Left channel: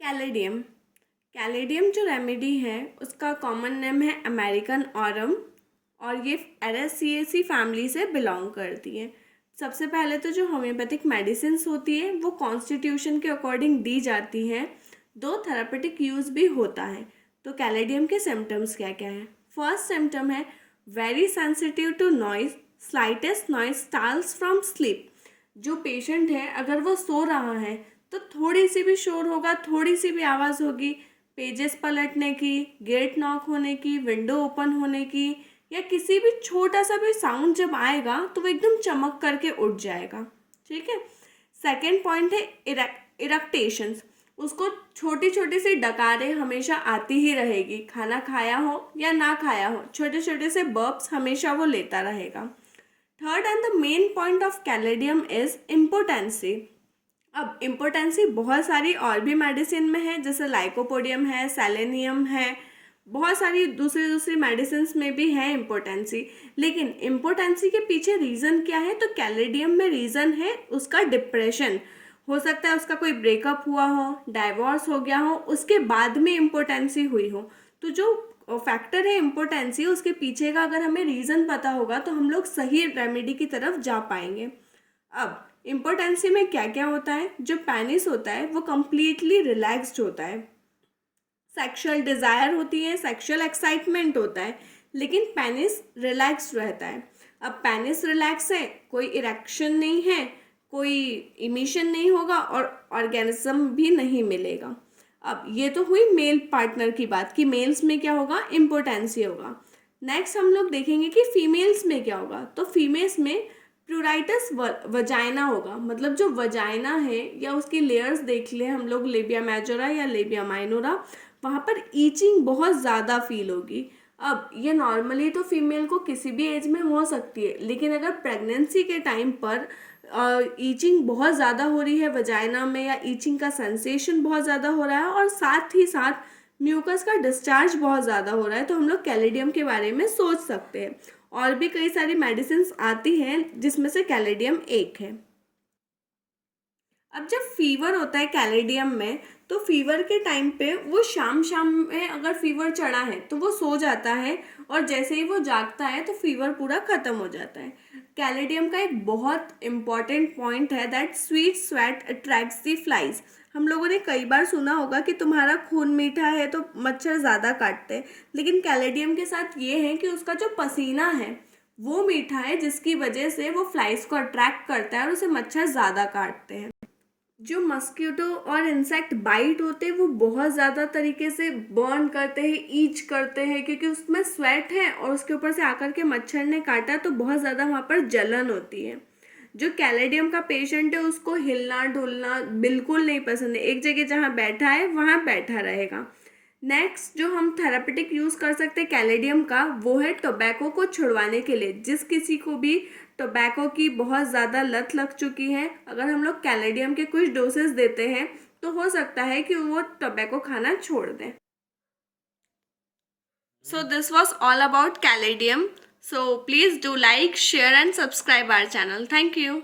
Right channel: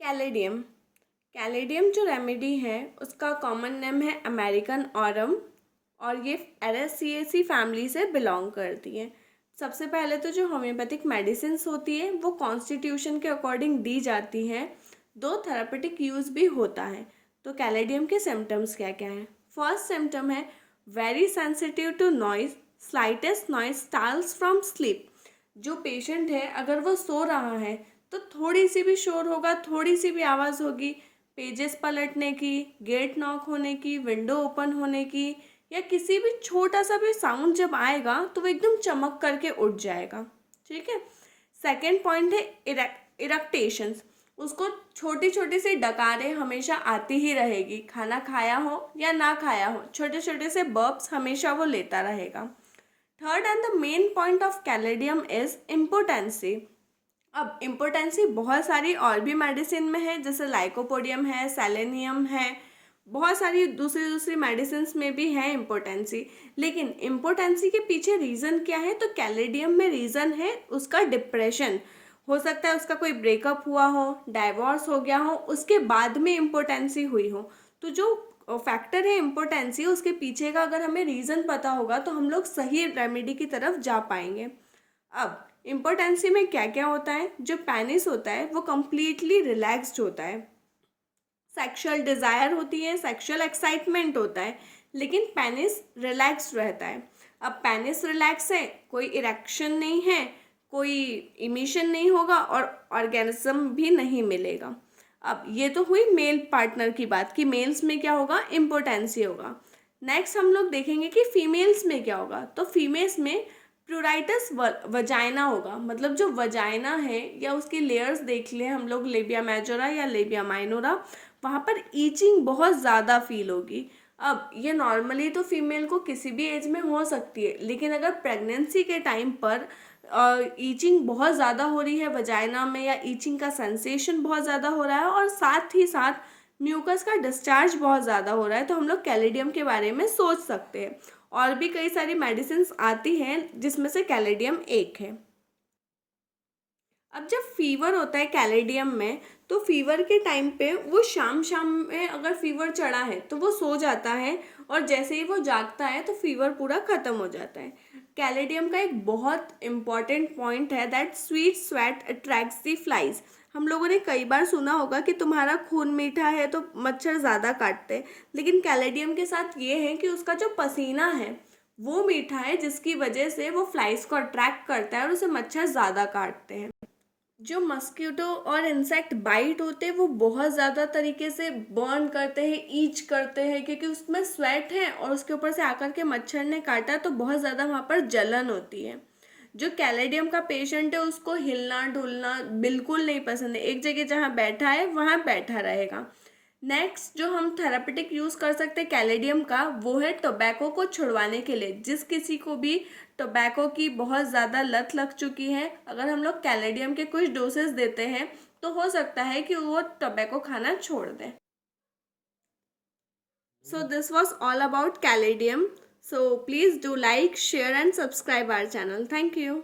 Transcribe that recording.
Caladium. Caladium जो remedy है उसका कॉमन नेम है अमेरिकन ऑरम और ये एरेसिएसी फैमिली से बिलोंग करती है। सबसे पहले तो जो होम्योपैथिक मेडिसिन्स होती है वो कॉन्स्टिट्यूशन के अकॉर्डिंग दी जाती हैं, दो थेरापेटिक यूज़ भी होता है। तो कैलेडियम के सिम्टम्स क्या क्या हैं? फर्स्ट सिम्टम है very sensitive to noise, slightest noise starts from sleep. जो पेशेंट है अगर वो सो रहा है तो थोड़ी सी भी शोर होगा, थोड़ी सी भी आवाज़ होगी, पेजेस पलटने की, गेट नॉक होने की, विंडो ओपन होने की या किसी भी छोटा सा भी साउंड जब आएगा तो वो एकदम चमक करके उठ जाएगा। ठीक है। सेकेंड पॉइंट है इरेक्टेशंस। उसको छोटी छोटी सी डकारें हमेशा आती ही रहेगी, खाना खाया हो या ना खाया हो, छोटे छोटे से बर्प्स हमेशा वो लेता रहेगा। Third and the main point of caladium is impotency. अब इम्पोटेंसी बहुत सारी और भी मेडिसिन में है, जैसे लाइकोपोडियम है, सेलेनियम है, बहुत सारी दूसरी दूसरी मेडिसिन में भी है इम्पोटेंसी। लेकिन इम्पोटेंसी के पीछे रीज़न क्या है? तो कैलेडियम में रीज़न है उसका डिप्रेशन। हो सकता है उसका कोई ब्रेकअप हुआ हो, डाइवोर्स हो गया हो, उसके बाद में इम्पोटेंसी हुई हो। तो जो फैक्टर है इम्पोटेंसी, उसके पीछे का अगर हमें रीज़न पता होगा तो हम लोग सही रेमेडी की तरफ जा पाएंगे। अब इम्पोटेंसी में क्या क्या होता है? जो पेनिस होता है वो कम्प्लीटली रिलैक्स्ड होता है, सेक्सुअल डिज़ायर होती है, सेक्सुअल एक्साइटमेंट होता है, लेकिन पेनिस रिलैक्स्ड रहता है। अब पेनिस रिलैक्स है, कोई इरेक्शन नहीं है, कोई इमिशन नहीं होगा और ऑर्गेनिज्म भी नहीं मिलेगा। अब ये तो हुई मेल पार्टनर की बात कि मेल्स में क्या होगा? इम्पोटेंसी होगा। नेक्स्ट हम लोग देखेंगे कि फीमेल्स में क्या होगा। तो फीमेल्स में प्लूराइटिस वजाइना होगा, मतलब जो वजाइना है या उसकी लेयर्स देख ले हम लोग, लेबिया मेजोरा या लेबिया माइनोरा, वहाँ पर ईचिंग बहुत ज़्यादा फील होगी। अब ये नॉर्मली तो फीमेल को किसी भी एज में हो सकती है, लेकिन अगर प्रेगनेंसी के टाइम पर ईचिंग बहुत ज़्यादा हो रही है वजाइना में, या ईचिंग का सेंसेशन बहुत ज़्यादा हो रहा है और साथ ही साथ म्यूकस का डिस्चार्ज बहुत ज़्यादा हो रहा है, तो हम लोग कैलेडियम के बारे में सोच सकते हैं। और भी कई सारी मेडिसिन आती हैं जिसमें से कैलेडियम एक है। अब जब फीवर होता है कैलेडियम में, तो फीवर के टाइम पे वो शाम शाम में अगर फीवर चढ़ा है तो वो सो जाता है और जैसे ही वो जागता है तो फीवर पूरा ख़त्म हो जाता है। कैलेडियम का एक बहुत इम्पॉर्टेंट पॉइंट है that sweet sweat attracts the flies. हम लोगों ने कई बार सुना होगा कि तुम्हारा खून मीठा है तो मच्छर ज़्यादा काटते हैं, लेकिन कैलेडियम के साथ ये है कि उसका जो पसीना है वो मीठा है, जिसकी वजह से वो फ्लाइज को अट्रैक्ट करता है और उसे मच्छर ज़्यादा काटते हैं। जो मस्कीटो और इंसेक्ट बाइट होते हैं वो बहुत ज़्यादा तरीके से बर्न करते हैं, ईच करते हैं, क्योंकि उसमें स्वेट है और उसके ऊपर से आकर के मच्छर ने काटा तो बहुत ज़्यादा वहाँ पर जलन होती है। जो कैलेडियम का पेशेंट है उसको हिलना डुलना बिल्कुल नहीं पसंद है, एक जगह जहाँ बैठा है वहाँ बैठा रहेगा। नेक्स्ट जो हम थेरापेटिक यूज़ कर सकते हैं कैलेडियम का, वो है टोबैको को छुड़वाने के लिए। जिस किसी को भी टोबैको की बहुत ज़्यादा लत लग चुकी है, अगर हम लोग कैलेडियम के कुछ डोसेस देते हैं तो हो सकता है कि वो टोबैको खाना छोड़ दें। So this was all about caladium. So please do like, share and subscribe our channel. Thank you.